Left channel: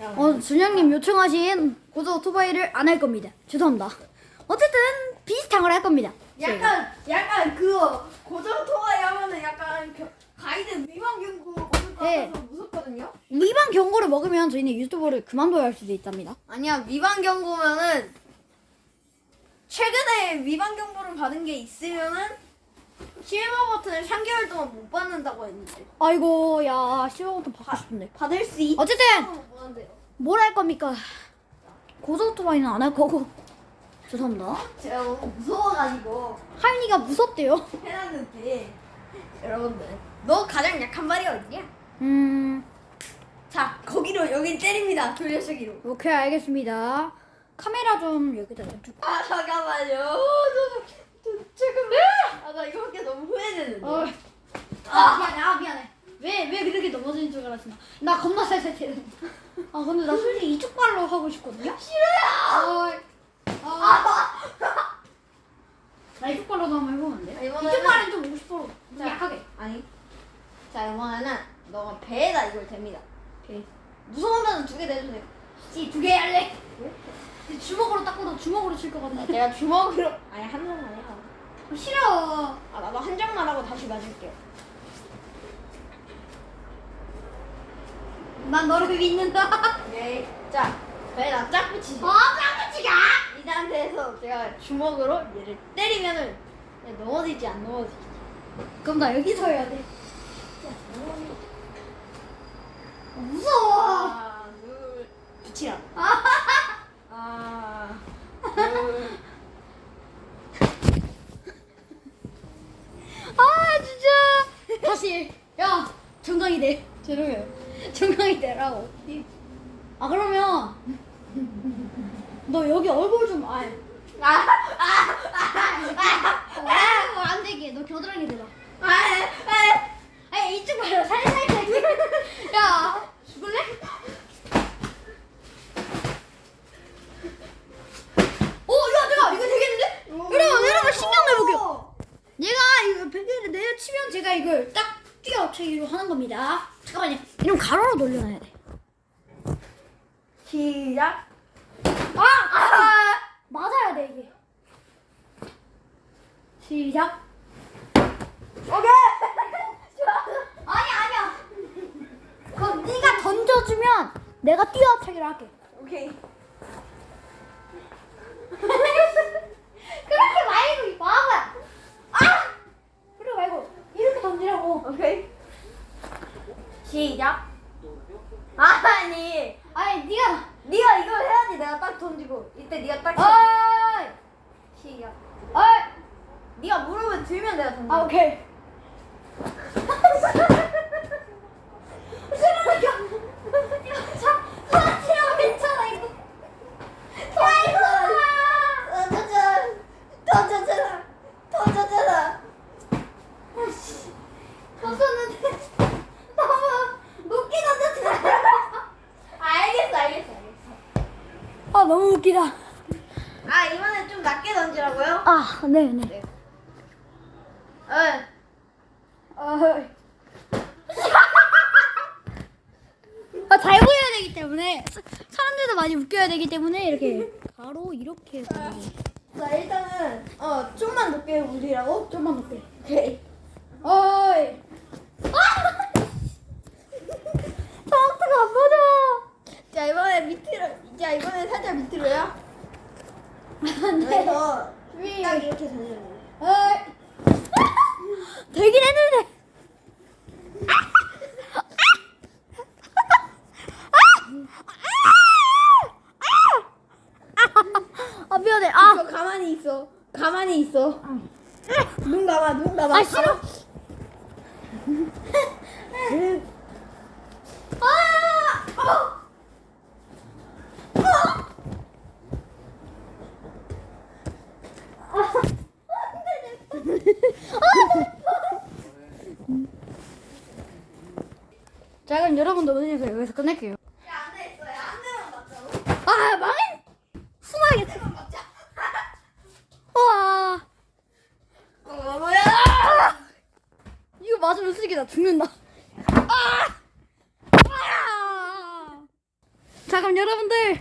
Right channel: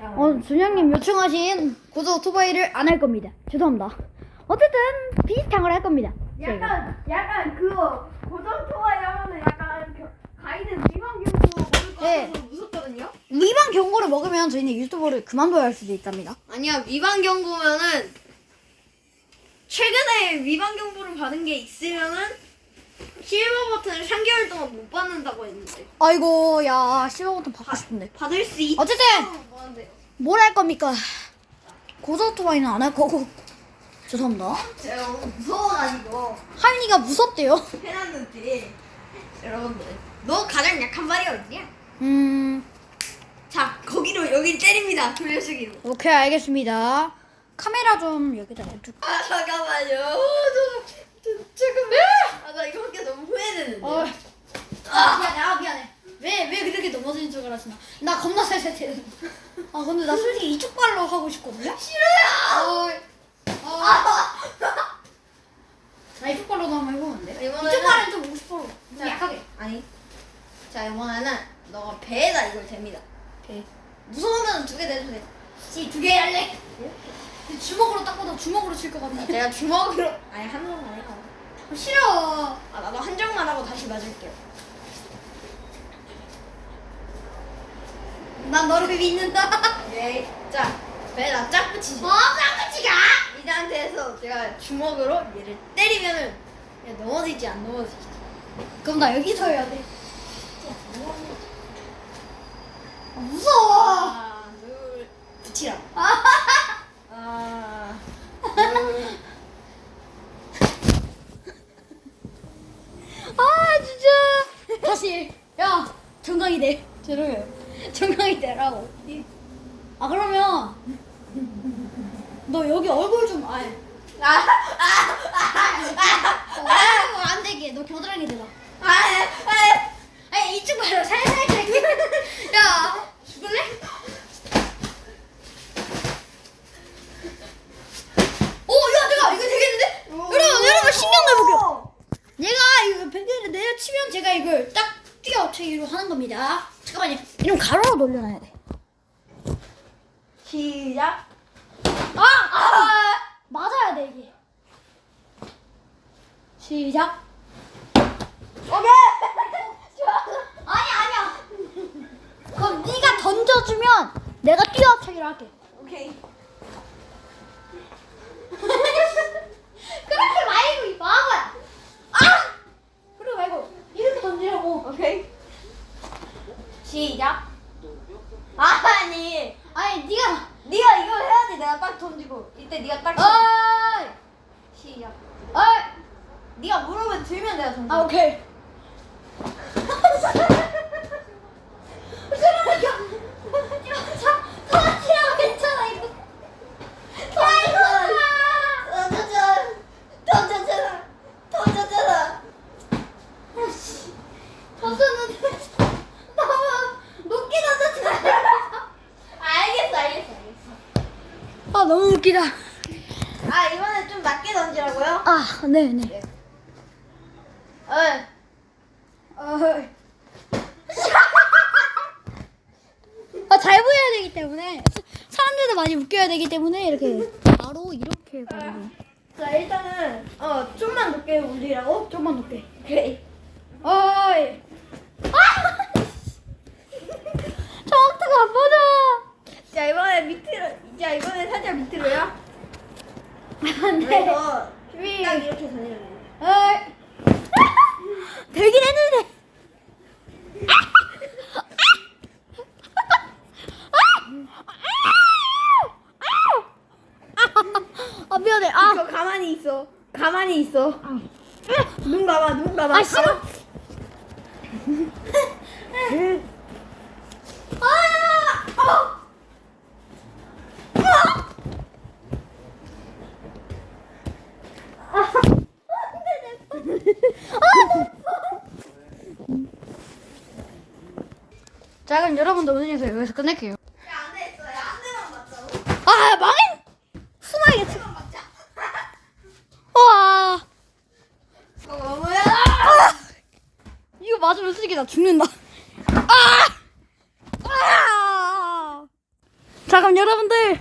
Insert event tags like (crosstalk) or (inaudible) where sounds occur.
어, 준영님 요청하신 고소 오토바이를 안 할 겁니다. 죄송합니다. 어쨌든 비슷한 걸 할 겁니다. 저희가. 약간 약간 그거 고정 토와이 하면은 약간 겨- 가이드 미만 경고 먹을 거 네. 같아서 무섭거든요. 위반 경고를 먹으면 저희는 유튜버를 그만둬야 할 수도 있답니다. 아니야 위반 경고면은 최근에 위반 경고를 받은 게 있으면은 실버 버튼을 3개월 동안 못 받는다고 했는데 아이고 야 실버 버튼 받고 싶은데. 받을 수 있. 어쨌든 뭐한데요? 뭘 할 겁니까? 고소 오토바이는 안 할 거고. 죄송합니다. 제가 너무 무서워가지고 하윤이가 무섭대요. 해놨는데 여러분들 너 가장 약한 말이 어디냐? 음 자 거기로 여기 때립니다 돌려쓰기로. 오케이 알겠습니다. 카메라 좀 여기다 냅둘. 아 잠깐만요. 어, 저, 저, 잠깐만. 아나 이거 밖에 너무 후회되는데. 어. 아 미안해 아 미안해 왜 왜 그렇게 넘어지는 줄 알았으나 나 겁나 살살 때는 아 근데 나 솔직히 이쪽 발로 하고 싶거든요 싫어요 아, 나 이쪽 발로도 한번 해보면 안 돼? 이번에는- 이쪽 발은 좀 50%좀 자. 약하게 아니. 자 이번에는 너가 배에다 이걸 댑니다. 오케이 무서우면 두 개 대도 돼. 씨두개 할래 주먹으로 닦고도 주먹으로 칠 것 같네 제가 주먹으로 아니 한 장만 해요. 싫어 아 나도 한 장만 하고 다시 맞을게요. 난 너를 믿는다 오케이. (laughs) 자 배에다 짝 붙이지. 어 짱치가 이 상태에서 제가 주먹으로 얘를 때리면은 얘 넘어지지 안 넘어지지. 그럼 나 여기서 해야 돼 아, 무서워 하나 둘 붙이라. 아. 하나 둘. 아 다시 야 정강이 돼. 죄송해요. 정강이 되라고. 아 그러면 너 여기 얼굴 좀 아예 아, 아, 아, 어, 얼굴 안 되게. 너 겨드랑이 대봐 아, 아, 아니 이쪽 봐요 살살 (laughs) 야 죽을래? 오 야 내가 이거 되겠는데? 여러분 여러분 신경 내볼게요. 얘가 이거 밴드를 내려치면 제가 이걸 딱 뛰어치기로 하는 겁니다 잠깐만요 이름 가로로 돌려놔야 돼 시작. 아! 아! 맞아야 돼 이게. 시작. 오케이. (laughs) 아니 아니야. 그럼 네가 던져주면 내가 뛰어차기로 할게. 오케이. 그렇게 말고 이 바보야. 아! 그래 말고 이렇게 던지라고. 오케이. 시작. 아니, 아니 네가. 네가 이거 해야지. 내가 딱 던지고 이때 네가 딱. 어이. 시작. 어이. 네가 무릎을 들면 내가 던져. 아 오케이. 그러니까 던지라고 괜찮아 이거. 던져줘. 던져줘. 던져줘. 던졌는데 너무 높게 던졌잖아. 알겠어, 알겠어, 알겠어. 아 너무 웃기다. 아 이번에 좀 낮게 던지라고요? 아 네네. 응. 어. 아잘 보여야 되기 때문에 사람들도 많이 웃겨야 되기 때문에 이렇게 바로 이렇게 해서 자 일단은 어 좀만 높게 올리라고. 좀만 높게. 오케이. 어이. 아! 저 어떡 안 보여. 자 이번에 밑으로. 자 이번에 살짝 밑으로요. 안돼. 그래서 딱 이렇게 어이. 되긴 했는데. 아 미안해. 아. 이거 가만히 있어. 가만히 있어. 눈 감아, 눈 감아. 아 싫어. 아! 어! 자 그럼 여러분도 오늘에서 여기서 끝낼게요. 됐어. 야한 대만 맞자고. 아 망했. (laughs) 와어 뭐야? 이거 맞으면 솔직히 나 죽는다. 아! 아! 자 그럼 여러분들